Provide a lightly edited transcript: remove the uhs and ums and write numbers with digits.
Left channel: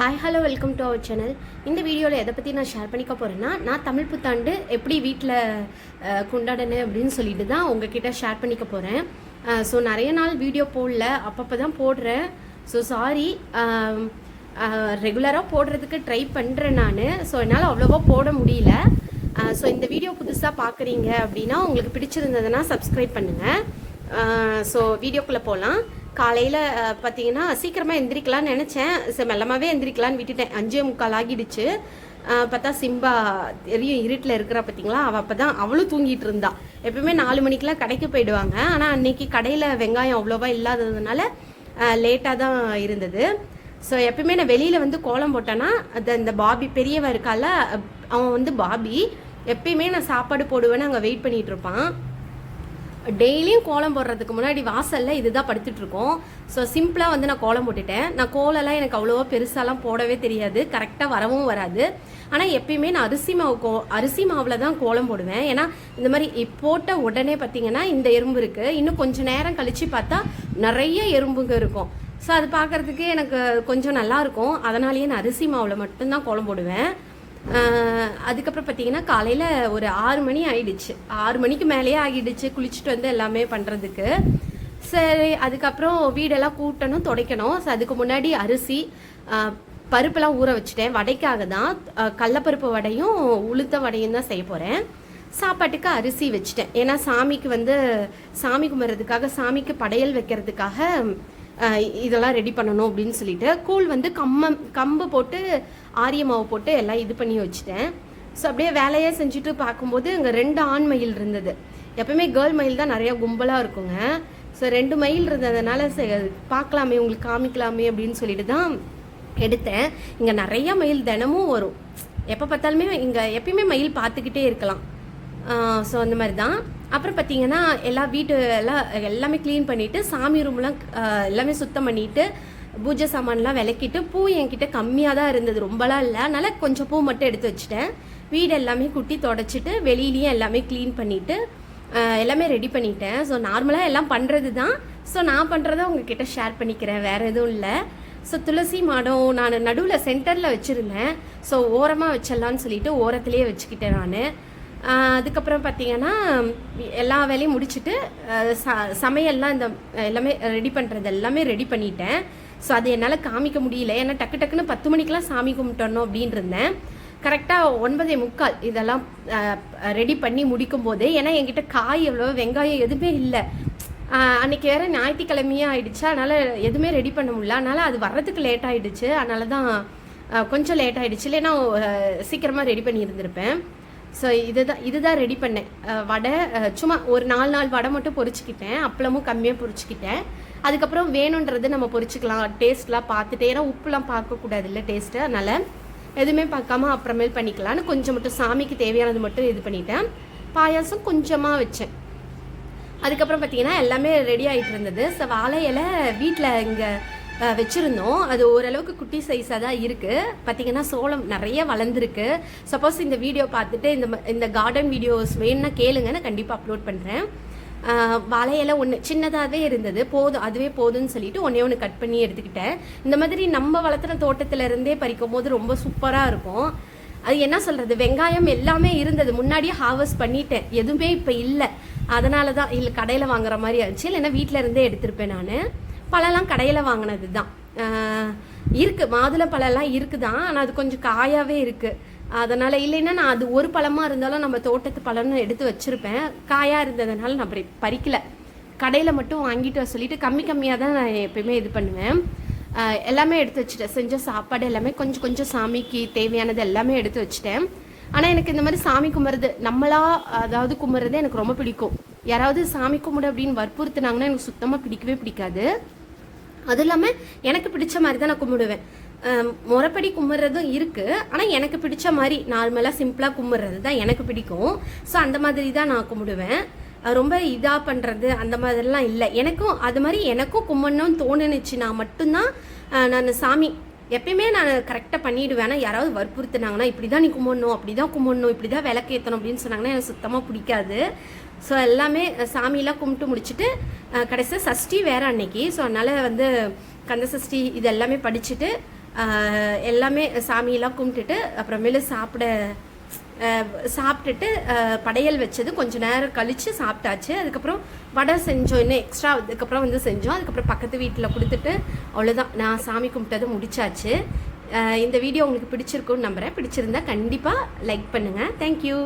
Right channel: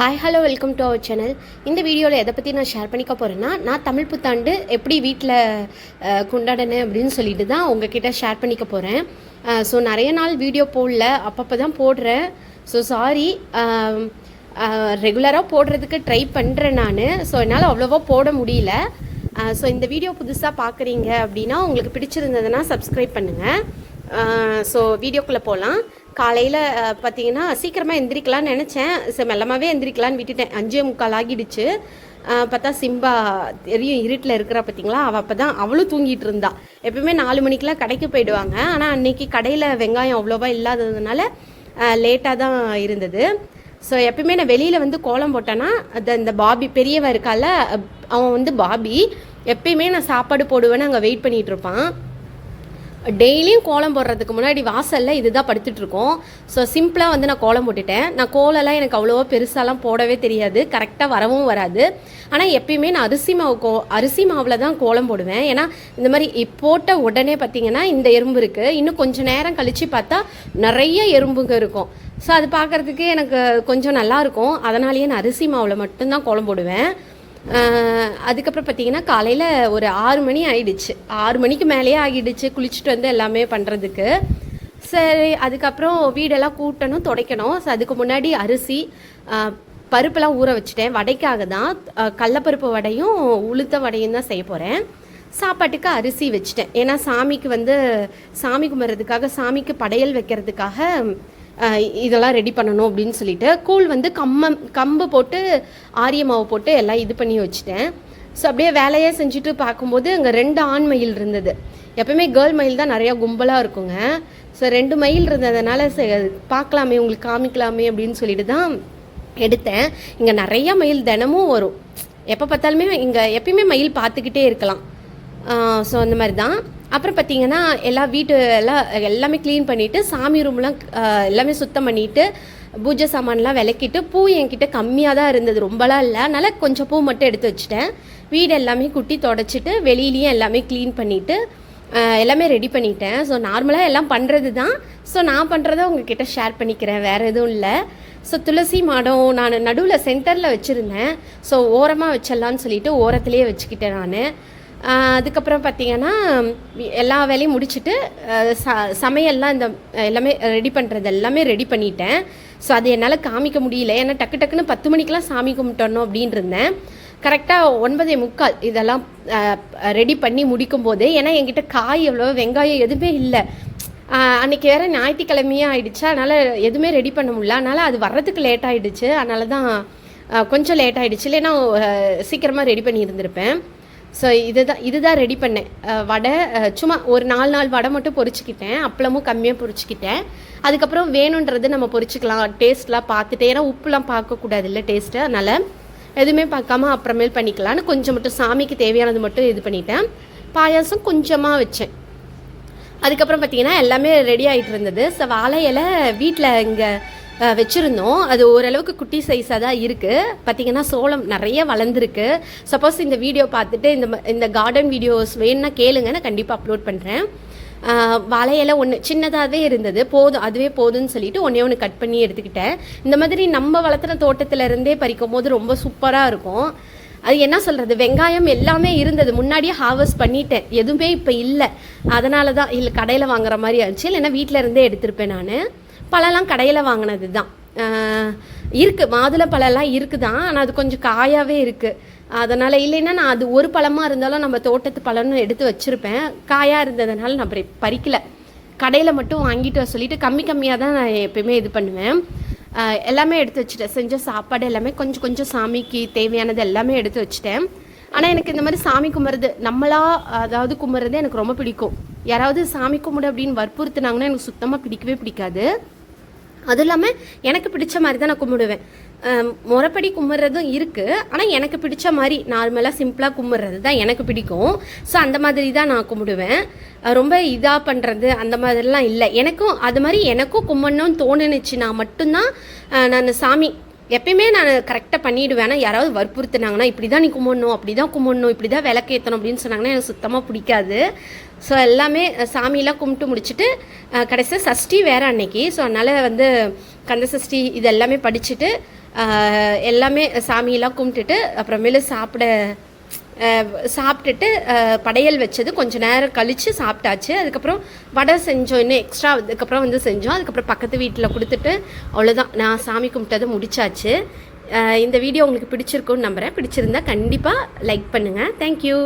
Hi hello welcome to our channel. இந்த வீடியோவில் எதை பற்றி நான் ஷேர் பண்ணிக்க போகிறேன்னா, நான் தமிழ் புத்தாண்டு எப்படி வீட்டில் கொண்டாடினேன் அப்படின்னு சொல்லிட்டு தான் உங்ககிட்ட ஷேர் பண்ணிக்க போகிறேன். ஸோ நிறைய நாள் வீடியோ போடல, அப்பப்போ தான் போடுறேன். ஸோ சாரி, ரெகுலராக போடுறதுக்கு ட்ரை பண்ணுறேன் நான். ஸோ என்னால் அவ்வளோவா போட முடியல. ஸோ இந்த வீடியோ புதுசாக பார்க்குறீங்க அப்படின்னா உங்களுக்கு பிடிச்சிருந்ததுன்னா சப்ஸ்கிரைப் பண்ணுங்கள். ஸோ வீடியோக்குள்ளே போகலாம். காலையில் பார்த்தீங்கன்னா சீக்கிரமாக எந்திரிக்கலான்னு நினச்சேன். மெல்லமாகவே எந்திரிக்கலான்னு விட்டுட்டேன். 5:45 ஆகிடுச்சு. பார்த்தா சிம்பா தெரியும் இருட்டில் இருக்கிறா பார்த்தீங்களா, அவள் அப்போ தான் அவளும் தூங்கிட்டு இருந்தா. எப்பவுமே 4 மணிக்கெலாம் கடைக்கு போயிடுவாங்க. ஆனால் அன்னைக்கு கடையில் வெங்காயம் அவ்வளோவா இல்லாததுனால லேட்டாக தான் இருந்தது. ஸோ எப்பவுமே நான் வெளியில் வந்து கோலம் போட்டேன்னா அந்த பாபி பெரியவன் இருக்கால, அவன் வந்து பாபி எப்பயுமே நான் சாப்பாடு போடுவேன்னு அங்கே வெயிட் பண்ணிகிட்டு இருப்பான். டெய்லியும் கோலம் போடுறதுக்கு முன்னாடி வாசலில் இதுதான் படுத்துட்டு இருக்கோம். ஸோ சிம்பிளாக வந்து நான் கோலம் போட்டுட்டேன். நான் கோலம்லாம் எனக்கு அவ்வளோவா பெருசாலாம் போடவே தெரியாது, கரெக்டாக வரவும் வராது. ஆனால் எப்பயுமே நான் அரிசி மாவில் தான் கோலம் போடுவேன். ஏன்னா இந்த மாதிரி போட்ட உடனே பார்த்தீங்கன்னா இந்த எறும்பு இருக்குது, இன்னும் கொஞ்சம் நேரம் கழித்து பார்த்தா நிறைய எறும்புங்க இருக்கும். ஸோ அது பார்க்குறதுக்கு எனக்கு கொஞ்சம் நல்லாயிருக்கும். அதனாலேயே நான் அரிசி மாவில் மட்டும்தான் கோலம் போடுவேன். அதுக்கப்புறம் பார்த்தீங்கன்னா காலையில் ஒரு 6 மணி ஆகிடுச்சு. 6 மணிக்கு மேலேயே ஆகிடுச்சு குளிச்சுட்டு வந்து எல்லாமே பண்ணுறதுக்கு. சரி, அதுக்கப்புறம் வீடெல்லாம் கூட்டணும், துடைக்கணும். ஸோ அதுக்கு முன்னாடி அரிசி பருப்பெல்லாம் ஊற வச்சுட்டேன். வடைக்காக தான், கடலப்பருப்பு வடையும் உளுத்த வடையும் தான் செய்ய போகிறேன். சாப்பாட்டுக்கு அரிசி வச்சுட்டேன். ஏன்னா சாமிக்கு வந்து சாமி கும்பிட்றதுக்காக, சாமிக்கு படையல் வைக்கிறதுக்காக இதெல்லாம் ரெடி பண்ணணும் அப்படின்னு சொல்லிட்டு கூழ் வந்து கம்பு போட்டு ஆரிய மாவு போட்டு எல்லாம் இது பண்ணி வச்சுட்டேன். ஸோ அப்படியே வேலையே செஞ்சுட்டு பார்க்கும்போது அங்கே 2 ஆண் மயில் இருந்தது. எப்பவுமே கேர்ள் மயில் தான் நிறையா கும்பலாக இருக்குங்க. ஸோ 2 மயில் இருந்ததுனால பார்க்கலாமே, உங்களுக்கு காமிக்கலாமே அப்படின்னு சொல்லிட்டு தான் எடுத்தேன். இங்கே நிறையா மயில் தினமும் வரும். எப்போ பார்த்தாலுமே இங்கே எப்பயுமே மயில் பார்த்துக்கிட்டே இருக்கலாம். ஸோ அந்த மாதிரி தான். அப்புறம் பார்த்தீங்கன்னா வீட்டு எல்லாமே க்ளீன் பண்ணிவிட்டு, சாமி ரூம்லாம் எல்லாமே சுத்தம் பண்ணிவிட்டு, பூஜை சாமான்லாம் விளக்கிட்டு, பூ என்கிட்ட கம்மியாக தான் இருந்தது, ரொம்பலாம் இல்லை. அதனால் கொஞ்சம் பூ மட்டும் எடுத்து வச்சுட்டேன். வீடு எல்லாமே குட்டி தொடச்சிட்டு வெளியிலையும் எல்லாமே க்ளீன் பண்ணிவிட்டு எல்லாமே ரெடி பண்ணிட்டேன். ஸோ நார்மலாக எல்லாம் பண்ணுறது தான். ஸோ நான் பண்ணுறத உங்ககிட்ட ஷேர் பண்ணிக்கிறேன், வேறு எதுவும் இல்லை. ஸோ துளசி மாடம் நான் நடுவில் சென்டரில் வச்சுருந்தேன். ஸோ ஓரமாக வச்சிடலான்னு சொல்லிட்டு ஓரத்துலேயே வச்சுக்கிட்டேன் நான். அதுக்கப்புறம் பார்த்தீங்கன்னா எல்லா வேலையும் முடிச்சுட்டு சமையல்லாம் எல்லாமே ரெடி பண்ணுறது எல்லாமே ரெடி பண்ணிட்டேன். ஸோ அது என்னால் காமிக்க முடியல, ஏன்னா டக்குன்னு 10 மணிக்கெலாம் சாமி கும்பிட்டணும் அப்படின்னு இருந்தேன். கரெக்டாக 9:45 இதெல்லாம் ரெடி பண்ணி முடிக்கும் போது, ஏன்னா என்கிட்ட காய் எவ்வளோ வெங்காயம் எதுவுமே இல்லை. அன்றைக்கி வேறு ஞாயிற்றுக்கிழமையாக ஆகிடுச்சு, அதனால் எதுவுமே ரெடி பண்ண முடியல. அதனால் அது வர்றதுக்கு லேட் ஆகிடுச்சு. அதனால தான் கொஞ்சம் லேட் ஆகிடுச்சு, இல்லைன்னா சீக்கிரமாக ரெடி பண்ணி இருந்திருப்பேன். ஸோ இதுதான் ரெடி பண்ணேன். வடை சும்மா ஒரு 4 வடை மட்டும் பொரிச்சிக்கிட்டேன். அப்பளமும் கம்மியாக பொரிச்சிக்கிட்டேன். அதுக்கப்புறம் வேணுன்றது நம்ம பொரிச்சிக்கலாம், டேஸ்ட்லாம் பார்த்துட்டு. ஏன்னா உப்புலாம் பார்க்கக்கூடாது இல்லை டேஸ்ட்டு, அதனால் எதுவுமே பார்க்காம அப்புறமேல் பண்ணிக்கலான்னு கொஞ்சம் மட்டும் சாமிக்கு தேவையானது மட்டும் இது பண்ணிட்டேன். பாயாசம் கொஞ்சமாக வச்சேன். அதுக்கப்புறம் பார்த்தீங்கன்னா எல்லாமே ரெடி ஆகிட்டு இருந்தது. ஸோ வாழை இலை வீட்டில் இங்கே வச்சுருந்தோம். அது ஓரளவுக்கு குட்டி சைஸாக தான் இருக்குது. பார்த்திங்கன்னா சோளம் நிறைய வளர்ந்துருக்கு. சப்போஸ் இந்த வீடியோ பார்த்துட்டு இந்த கார்டன் வீடியோஸ் வேணும்னா கேளுங்க, நான் கண்டிப்பாக அப்லோட் பண்ணுறேன். வாழையில ஒன்று சின்னதாகவே இருந்தது, போதும் அதுவே போதும்னு சொல்லிட்டு ஒன்று கட் பண்ணி எடுத்துக்கிட்டேன். இந்த மாதிரி நம்ம வளர்த்துற தோட்டத்திலேருந்தே பறிக்கும் போது ரொம்ப சூப்பராக இருக்கும். அது என்ன சொல்கிறது, வெங்காயம் எல்லாமே இருந்தது, முன்னாடியே ஹார்வெஸ்ட் பண்ணிட்டேன். எதுவுமே இப்போ இல்லை, அதனால தான் இல்லை கடையில் வாங்குற மாதிரி ஆச்சு. இல்லைன்னா வீட்டில் இருந்தே எடுத்திருப்பேன் நான். பழம்லாம் கடையில் வாங்கினது தான் இருக்குது. மாதுளை பழம்லாம் இருக்குது தான், ஆனால் அது கொஞ்சம் காயாகவே இருக்குது. அதனால் இல்லைன்னா நான் அது ஒரு பழமாக இருந்தாலும் நம்ம தோட்டத்து பழம்னு எடுத்து வச்சுருப்பேன். காயாக இருந்ததுனால நான் பறிக்கலை. கடையில் மட்டும் வாங்கிட்டு வர சொல்லிவிட்டு கம்மியாக தான் நான் எப்பயுமே இது பண்ணுவேன். எல்லாமே எடுத்து வச்சுட்டேன். செஞ்ச சாப்பாடு எல்லாமே கொஞ்சம் சாமிக்கு தேவையானது எல்லாமே எடுத்து வச்சுட்டேன். ஆனால் எனக்கு இந்த மாதிரி சாமி கும்பிட்றது, அதாவது கும்பிட்றது எனக்கு ரொம்ப பிடிக்கும். யாராவது சாமி கும்பிடு அப்படின்னு வற்புறுத்தினாங்கன்னா எனக்கு சுத்தமாக பிடிக்காது. அதுவும் இல்லாமல் எனக்கு பிடிச்ச மாதிரி தான் நான் கும்பிடுவேன். முறைப்படி கும்பிட்றதும் இருக்குது, ஆனால் எனக்கு பிடிச்ச மாதிரி நார்மலாக சிம்பிளாக கும்பிட்றது தான் எனக்கு பிடிக்கும். ஸோ அந்த மாதிரி தான் நான் கும்பிடுவேன். ரொம்ப இதாக பண்ணுறது அந்த மாதிரிலாம் இல்லை. எனக்கும் அது மாதிரி எனக்கும் கும்பிடணும்னு தோணுச்சுன்னா மட்டும்தான் நான் சாமி எப்பயுமே நான் கரெக்டாக பண்ணிவிடுவேன். ஆனால் யாராவது வற்புறுத்தினாங்கன்னா இப்படி தான் நீ கும்பிடணும், அப்படி தான் கும்பிடணும், இப்படி தான் விளக்கேற்றணும் அப்படின்னு சொன்னாங்கன்னா எனக்கு சுத்தமாக பிடிக்காது. ஸோ எல்லாமே சாமியெலாம் கும்பிட்டு முடிச்சுட்டு கடைசியாக சஷ்டி வேறு அன்னைக்கு. ஸோ அதனால் வந்து கந்த சஷ்டி இது எல்லாமே படிச்சுட்டு எல்லாமே சாமியெல்லாம் கும்பிட்டுட்டு அப்புறமேலு சாப்பிட்டுட்டு படையல் வச்சது கொஞ்சம் நேரம் கழித்து சாப்பிட்டாச்சு. அதுக்கப்புறம் வடை செஞ்சோம், இன்னும் எக்ஸ்ட்ரா அதுக்கப்புறம் வந்து செஞ்சோம். அதுக்கப்புறம் பக்கத்து வீட்டில் கொடுத்துட்டு அவ்வளோதான், நான் சாமி கும்பிட்டதை முடிச்சாச்சு. இந்த வீடியோ உங்களுக்கு பிடிச்சிருக்குன்னு நம்புகிறேன். பிடிச்சிருந்தா கண்டிப்பாக லைக் பண்ணுங்கள். தேங்க்யூ.